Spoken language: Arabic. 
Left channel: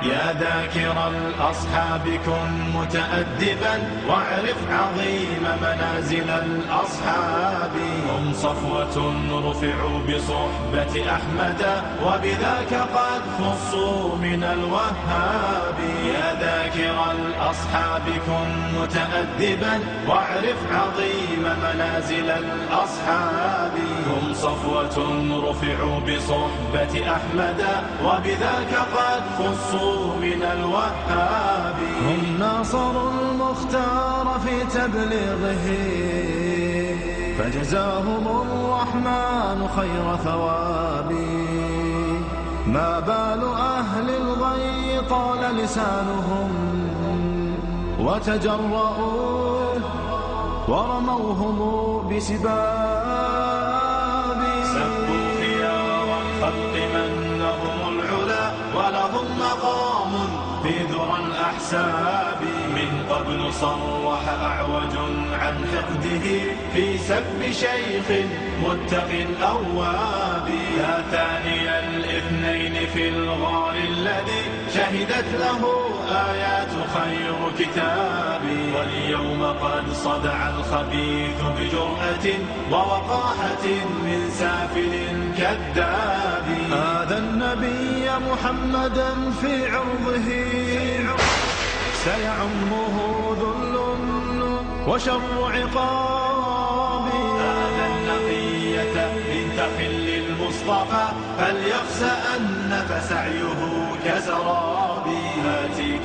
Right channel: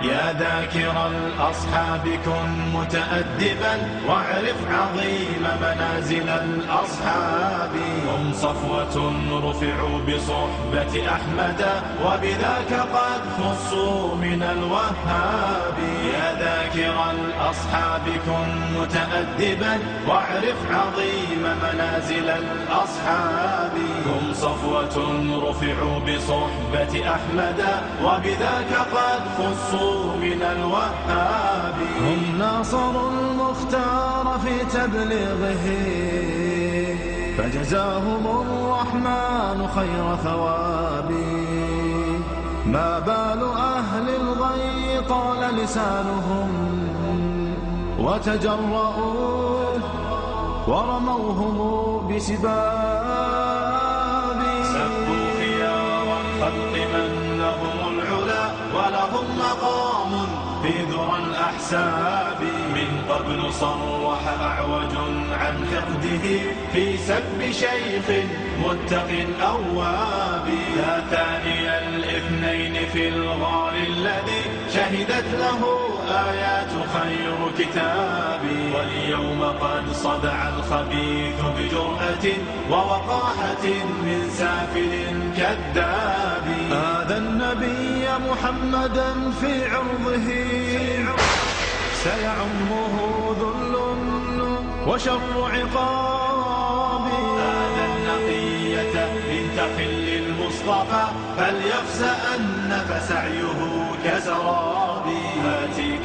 يا ذاكر الأصحاب كن متأدبا واعرف عظيم منازل الأصحاب. هم صفوة رفعوا بصحبة أحمد وبذاك قد خصوا من الوهاب. يا ذاكر الأصحاب كن متأدبا واعرف عظيم منازل الأصحاب. هم صفوة رفعوا بصحبة أحمد وبذاك قد خصوا من الوهاب. هم ناصروا المختار في تبليغه فجزاهم الرحمن خير ثواب. ما بال أهل الغي طال لسانهم وتجرؤوا ورموهم بسباب. سبوا خيار الخلق من لهم العلا ولهم مقام في ذرى الأحساب. من قبل صرح أعوج عن حقده في سب شيخ متق أواب. يا ثاني الاثنين في الغار الذي شهدت له آيات خير كتاب. واليوم قد صدع الخبيث بجرأة ووقاحة من سافل كذاب. هذا النبي محمدا في عرضه سيعمه ذل وشر عقاب. هذا النقية بنت خل المصطفى فليخزأن فسعيه كسراب.